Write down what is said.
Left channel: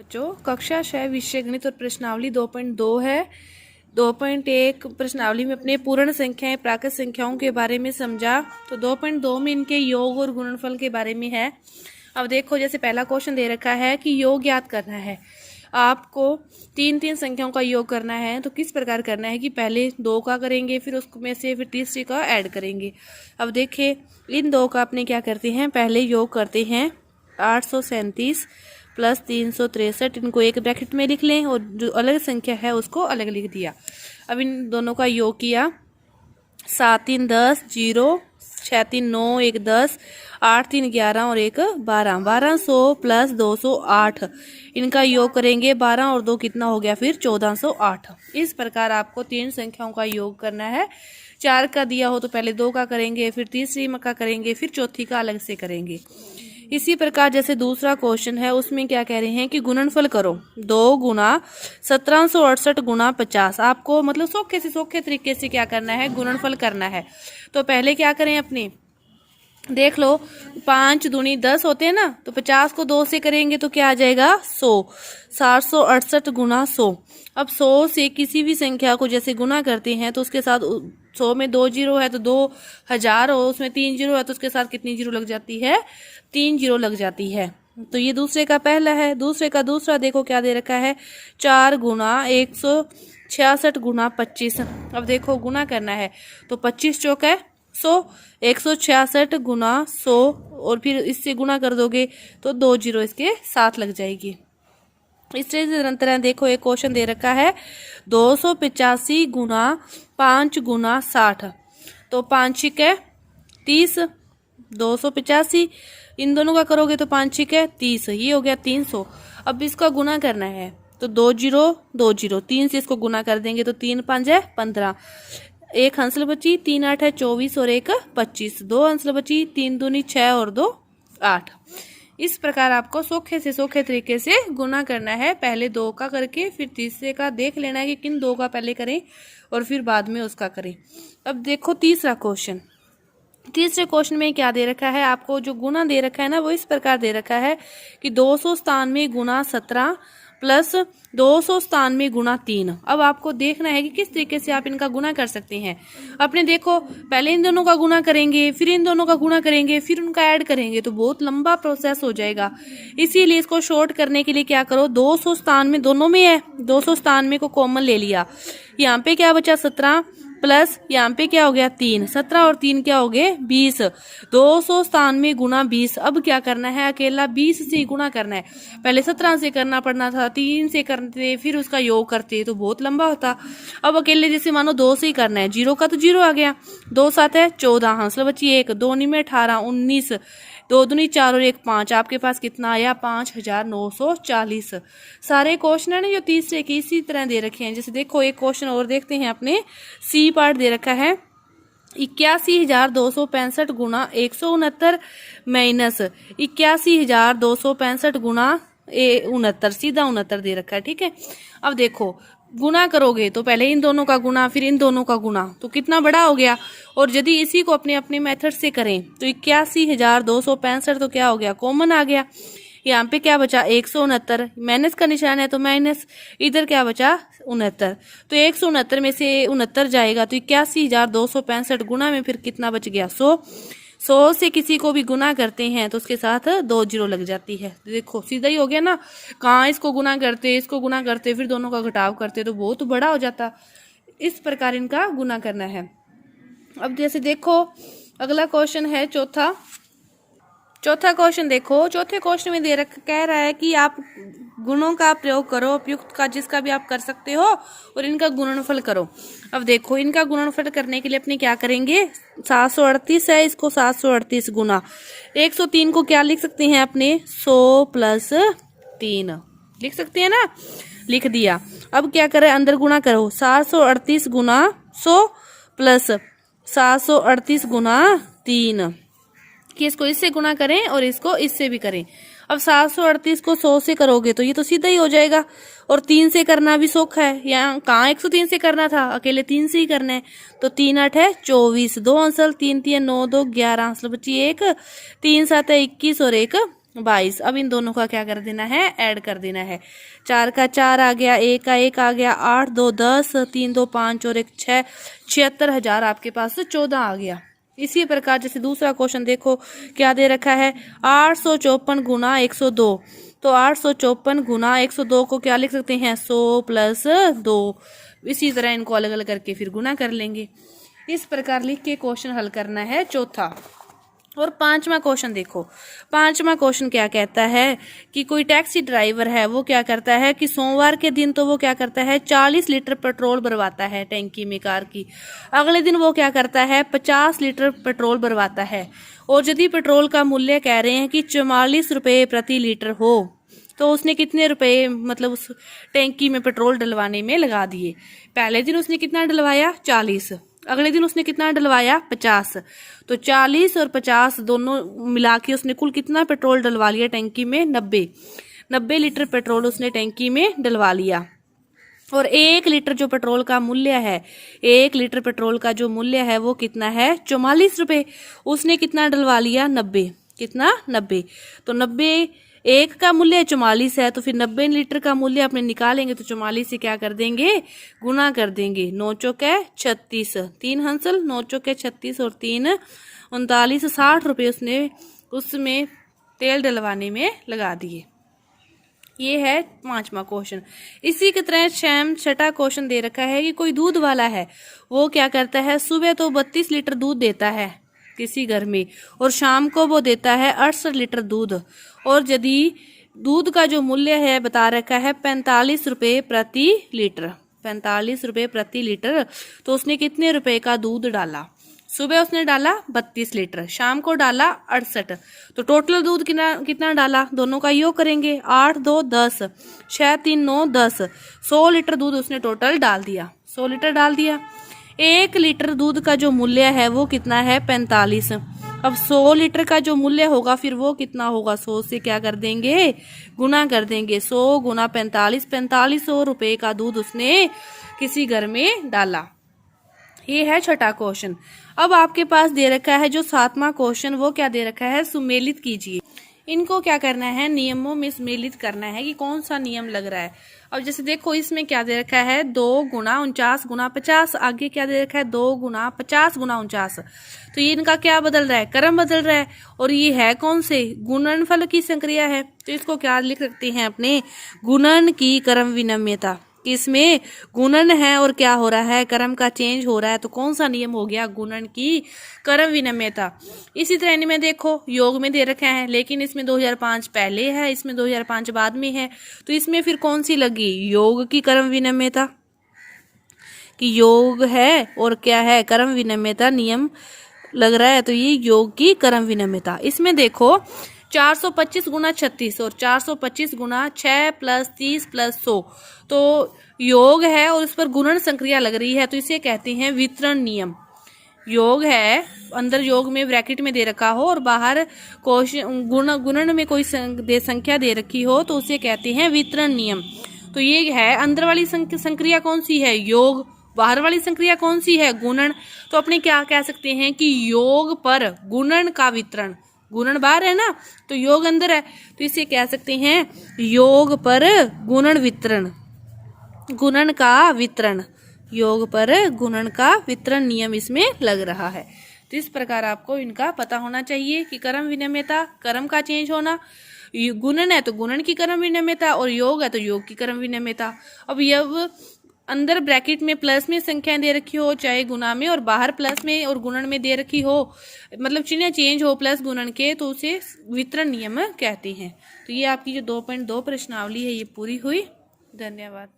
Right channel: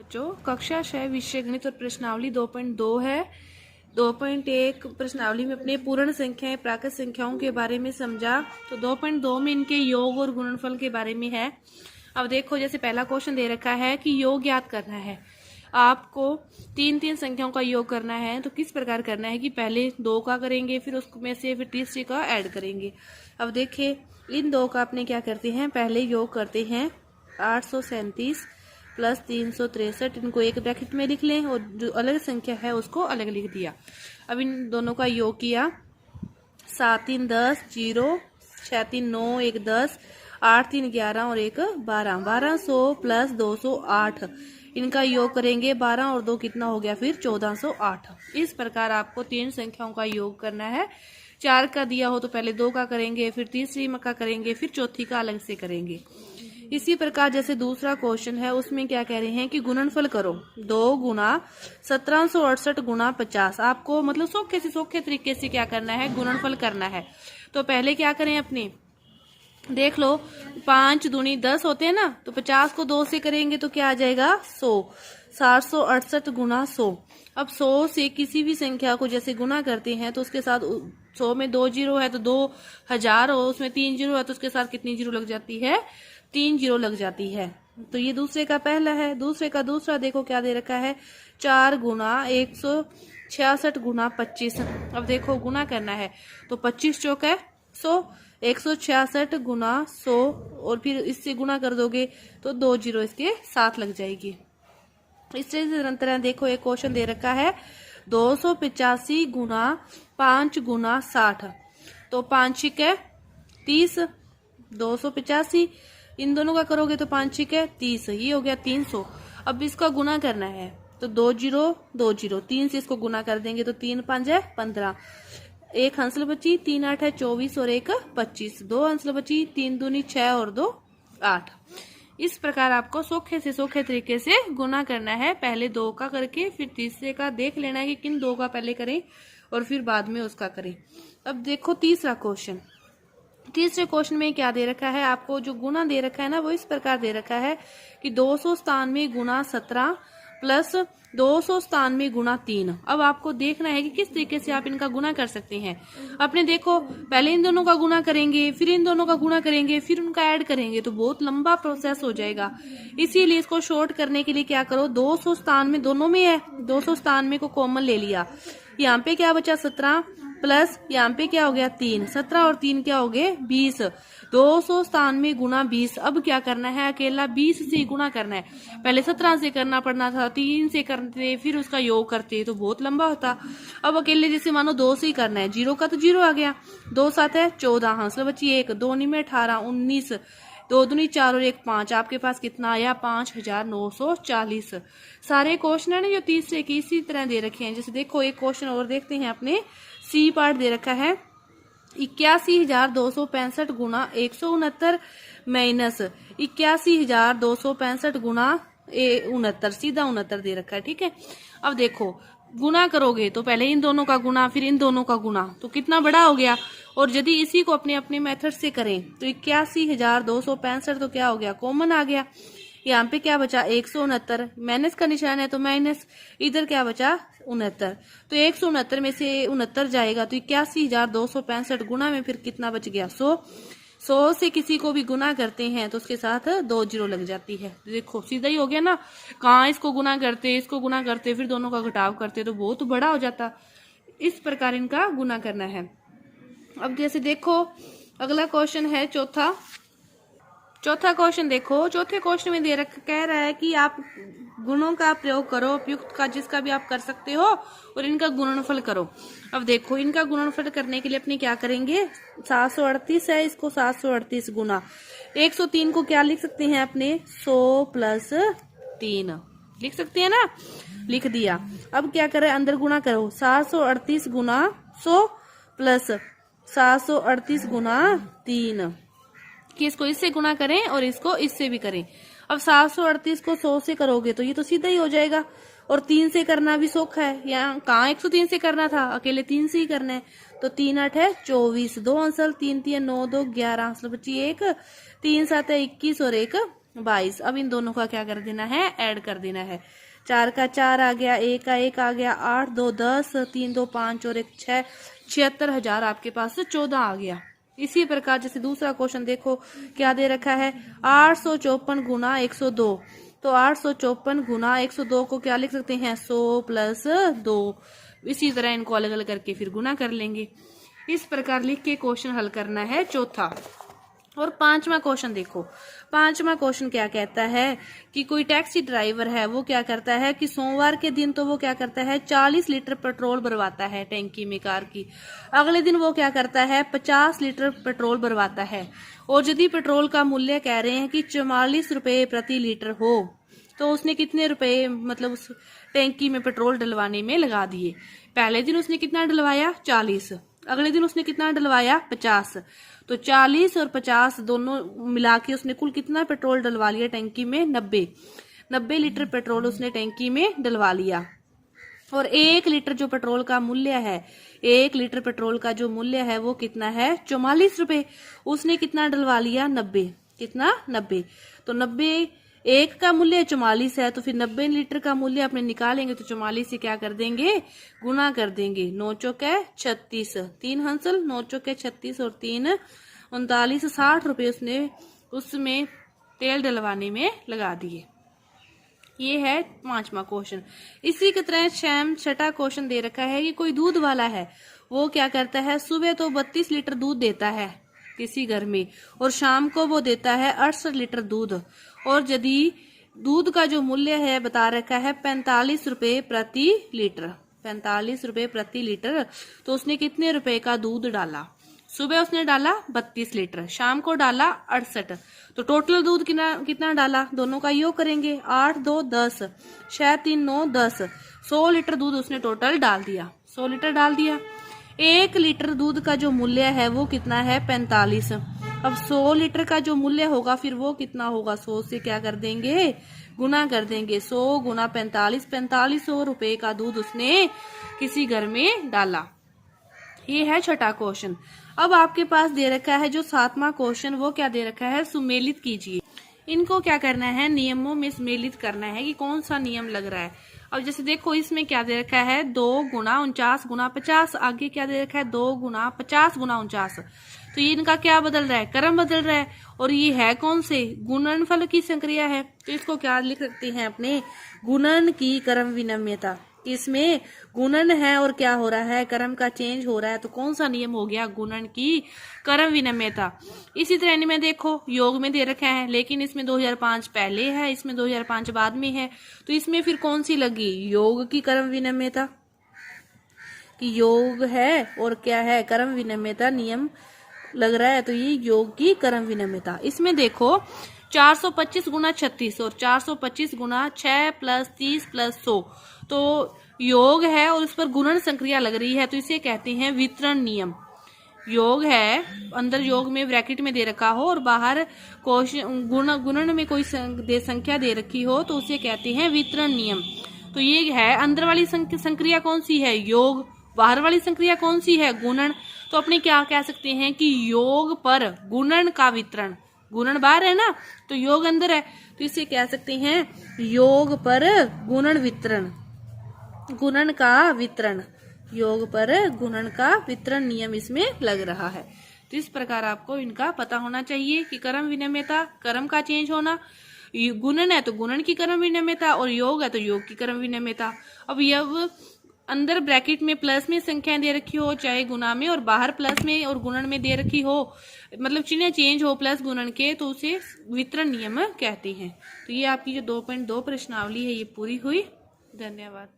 बच्चों कक्षा 6 विषय गणित और प्रश्नावली 2.2 है। 2.1 प्रश्नावली में अपने पूर्ण संख्याएं प्राकृत संख्याओं के बारे में समझा। तो 2.2 में इनके योग और गुणनफल के बारे में है। अब देखो, जैसे पहला क्वेश्चन दे रखा है कि योग ज्ञात करना है। आपको तीन संख्याओं का योग करना है। तो किस प्रकार करना है कि पहले 2 का करेंगे, फिर उसमें से फिर तीसरे का ऐड करेंगे। अब देखिए, इन 2 का अपने क्या करते हैं, पहले योग करते हैं 837 प्लस 363। इनको एक ब्रैकेट में लिख लें और जो अलग संख्या है उसको अलग लिख दिया। अब इन दोनों का योग किया, 7 3 10 0, 6 3 9 1 10, 8 3 11 और 1 12, 1200 प्लस 208। इनका योग करेंगे 12 और 2 कितना हो गया, फिर 1408। इस प्रकार आपको 3 संख्याओं का योग करना है। 4 का दिया हो तो पहले 2 का करेंगे, फिर तीसरी का करेंगे, फिर चौथी का अलग से करेंगे। इसी प्रकार जैसे दूसरा क्वेश्चन है, उसमें क्या कह रहे हैं कि गुणनफल करो 2 गुना 1768 गुना 50। आपको मतलब सौखे तरीके से क्या करना है, गुणनफल करना है। तो पहले क्या करें, अपने देख लो, 5 दूनी 10 होते हैं ना, तो 50 को 2 से करेंगे तो क्या आ जाएगा, 100। 768 गुना 100। अब 100 से किसी भी संख्या को जैसे गुना करते हैं तो उसके साथ 100 में 2 जीरो है तो 2000 हो, उसमें 3 जीरो है तो उसके साथ कितनी जीरो लग जाती है, 3 जीरो लग जाती है। तो ये दूसरे का पहला है। दूसरे का दूसरा देखो क्या दे रखा है, 4 गुना 166 गुना 25। अब देखो गुना करना है तो 25 चौक है 100, 166 गुना 100 और फिर इससे गुना कर दोगे तो 2 जीरो इसके साथ लग जाएगी। इस तरह देखो, एक क्वेश्चन दे रखा है 285 गुना 5 गुना 60। तो 5 छिक है 30, 285 इन दोनों का करोगे तो 5 छिक है 30, ये हो गया 300। अब इसका गुना करना है तो 2 जीरो 2 जीरो, 3 से इसको गुना कर देंगे तो 3 5 है 15, 1 हंसल बची, 3 8 है 24 और 1 25, 2 हंसल बची, 3 दूनी 6 और 2 8। इस प्रकार आपको सौखे तरीके से गुना करना है। पहले 2 का करके फिर तीसरे का देख लेना है कि किन 2 का पहले करें और फिर बाद में उसका करें। अब देखो तीसरा क्वेश्चन। तीसरे क्वेश्चन में क्या दे रखा है, आपको जो गुना दे रखा है ना, वो इस प्रकार दे रखा है कि 297 गुना 17 प्लस 297 गुना 3। अब आपको देखना है कि किस तरीके से आप इनका गुना कर सकते हैं। अपने देखो, पहले इन दोनों का गुना करेंगे, फिर इन दोनों का गुना करेंगे, फिर उनका ऐड करेंगे, तो बहुत लंबा प्रोसेस हो जाएगा। इसीलिए इसको शॉर्ट करने के लिए क्या करो, 297 दोनों में है, 297 को कॉमन ले लिया। यहाँ पे क्या बचा 17 प्लस यहाँ पे क्या हो गया 3, 17 और 3 क्या हो गए 20, 297 गुना 20। अब क्या करना है, अकेला 20 से गुना करना है। पहले 17 से करना पड़ना था, 3 से करते फिर उसका योग करते तो बहुत लंबा होता। अब अकेले जैसे मानो 2 से ही करना है, 0 का तो 0 आ गया, 2 7 है 14, हासिल बची 1, 2 में 18 19, 2 दूनी 4 और 1 5। आपके पास कितना आया, 5940। सारे क्वेश्चन है ना जो तीसरे की इसी तरह दे रखे हैं। जैसे देखो, एक क्वेश्चन और देखते हैं, अपने सी पार्ट दे रखा है 81,265 गुना 169 माइनस 81,265 गुना 69, सीधा 69 दे रखा है। ठीक है, अब देखो गुना करोगे तो पहले इन दोनों का गुना फिर इन दोनों का गुना, तो कितना बड़ा हो गया। और यदि इसी को अपने अपने मेथड से करें तो 81,265 तो क्या हो गया, कॉमन आ गया। यहाँ पे क्या बचा 169, माइनस का निशान है तो माइनस, इधर क्या बचा 69, तो 169 में से 69 जाएगा तो 81,265 गुना में फिर कितना बच गया 100। 100 से किसी को भी गुना करते हैं तो उसके साथ 2 जीरो लग जाती है। देखो सीधा ही हो गया ना, कहाँ इसको गुना करते इसको गुना करते फिर दोनों का घटाव करते तो बहुत बड़ा हो जाता। इस प्रकार इनका गुना करना है। अब जैसे देखो, अगला क्वेश्चन है चौथा क्वेश्चन देखो। चौथे क्वेश्चन में कह रहा है कि आप गुणों का प्रयोग करो, उपयुक्त का जिसका भी आप कर सकते हो, और इनका गुणनफल करो। अब देखो, इनका गुणनफल करने के लिए अपने क्या करेंगे, 738 है, इसको 738 गुना 103 को क्या लिख सकते हैं अपने, 100 प्लस 3 लिख सकते हैं ना, लिख दिया। अब क्या करें, अंदर गुना करो, 738 गुना 100 प्लस 738 गुना 3, कि इसको इससे गुना करें और इसको इससे भी करें। अब 738 को 100 से करोगे तो ये तो सीधा ही हो जाएगा, और 3 से करना भी सौख है। यहाँ कहाँ 103 से करना था, अकेले 3 से ही करना है। तो 3 8 है 24, 2 अंसल, 3 3 9 2 11, अंसल बची 1, 3 7 है 21 और 1 22। अब इन दोनों का क्या कर देना है, ऐड कर देना है। 4 का 4 आ गया, 1 का 1 आ गया, 8 2 10, 3 2 5 और 1 6, 76,000 आपके पास 14 आ गया। इसी प्रकार जैसे दूसरा क्वेश्चन देखो क्या दे रखा है, 854 गुना 102। तो 854 गुना 102 को क्या लिख सकते हैं, 100 प्लस 2। इसी तरह इनको अलग अलग करके फिर गुना कर लेंगे। इस प्रकार लिख के क्वेश्चन हल करना है चौथा। और पांचवा क्वेश्चन देखो, पांचवा क्वेश्चन क्या कहता है कि कोई टैक्सी ड्राइवर है, वो क्या करता है कि सोमवार के दिन तो वो क्या करता है 40 लीटर पेट्रोल भरवाता है टैंकी में कार की। अगले दिन वो क्या करता है 50 लीटर पेट्रोल भरवाता है। और यदि पेट्रोल का मूल्य कह रहे हैं कि 44 रुपये प्रति लीटर हो, तो उसने कितने रुपए मतलब उस टैंकी में पेट्रोल डलवाने में लगा दिए। पहले दिन उसने कितना डलवाया 40, अगले दिन उसने कितना डलवाया 50। तो 40 और 50 दोनों मिला के उसने कुल कितना पेट्रोल डलवा लिया टैंकी में, 90 लीटर पेट्रोल उसने टैंकी में डलवा लिया। और 1 लीटर जो पेट्रोल का मूल्य है, 1 लीटर पेट्रोल का जो मूल्य है वो कितना है 44 रुपए। उसने कितना डलवा लिया 90, कितना 90। तो 90 1 का मूल्य 44 है, तो फिर 90 लीटर का मूल्य अपने निकालेंगे तो 44 से क्या कर देंगे, गुना कर देंगे। 9 चौके 36, 3 हंसल, 9 चौके 36 और 3 39, 60 रुपये उसने उसमें तेल डलवाने में लगा दिए। ये है पांचवा क्वेश्चन। इसी की तरह छठा क्वेश्चन दे रखा है कि कोई दूध वाला है, वो क्या करता है सुबह तो 32 लीटर दूध देता है किसी घर में, और शाम को वो देता है 68 लीटर दूध। और यदि दूध का जो मूल्य है बता रखा है 45 रुपये प्रति लीटर, 45 रुपये प्रति लीटर, तो उसने कितने रुपए का दूध डाला। सुबह उसने डाला 32 लीटर, शाम को डाला 68, तो टोटल दूध कितना डाला, दोनों का योग करेंगे, 8 2 10, 6 3 9 10, 100 लीटर दूध उसने टोटल डाल दिया, 100 लीटर डाल दिया। 1 लीटर दूध का जो मूल्य है वो कितना है 45। अब 100 लीटर का जो मूल्य होगा फिर वो कितना होगा, 100 से क्या कर देंगे, गुना कर देंगे। 100 गुना 45, 4500 रुपए का दूध उसने किसी घर में डाला। ये है छठा क्वेश्चन। अब आपके पास दे रखा है जो सातवां क्वेश्चन, वो क्या दे रखा है, सुमेलित कीजिए। इनको क्या करना है, नियमों में सम्मिलित करना है कि कौन सा नियम लग रहा है। अब जैसे देखो इसमें क्या दे रखा है 2 गुना 49 गुना 50, आगे क्या दे रखा है 2 गुना 50 गुना 49। तो ये इनका क्या बदल रहा है, क्रम बदल रहा है। और ये है कौन से, गुणनफल की संक्रिया है, तो इसको क्या लिख सकते हैं अपने, गुणन की क्रम विनिमयता। इसमें गुणन है और क्या हो रहा है, क्रम का चेंज हो रहा है, तो कौन सा नियम हो गया, गुणन की क्रम विनिमयता। इसी तरह इनमें देखो योग में दे रखा है, लेकिन इसमें 2005 पहले है, इसमें 2005 बाद में है, तो इसमें फिर कौन सी लगी, योग की क्रम विनिमयता, कि योग है और क्या है क्रम विनिमयता नियम लग रहा है, तो ये योग की क्रम विनिमयता। इसमें देखो 425 गुना 36 और 425 गुना 6 प्लस 30 प्लस 100, तो योग है और उस पर गुणन संक्रिया लग रही है, तो इसे कहते हैं वितरण नियम। योग है, अंदर योग में ब्रैकेट में दे रखा हो और बाहर गुणन में कोई संख्या दे रखी हो, तो उसे कहते हैं वितरण नियम। तो ये है अंदर वाली संक्रिया कौन सी है, योग, बाहर वाली संक्रिया कौन सी है, गुणन। तो अपने क्या कह सकते हैं कि योग पर गुणन का वितरण, गुणन बाहर है ना तो योग अंदर है, तो इसे कह सकते हैं योग पर गुणन वितरण, गुणन का वितरण, योग पर गुणन का वितरण नियम इसमें लग रहा है। तो इस प्रकार आपको इनका पता होना चाहिए कि क्रम विनिमयता, क्रम का चेंज होना, गुणन है तो गुणन की क्रम विनिमयता, और योग है तो योग की क्रम विनिमयता। अब यह अंदर ब्रैकेट में प्लस में संख्याएं दे रखी हो चाहे गुना में, और बाहर प्लस में और गुणन में दे रखी हो, मतलब चिन्ह चेंज हो प्लस गुणन के, तो उसे वितरण नियम कहते हैं। तो ये आपकी जो 2.2 प्रश्नावली है ये पूरी हुई। धन्यवाद।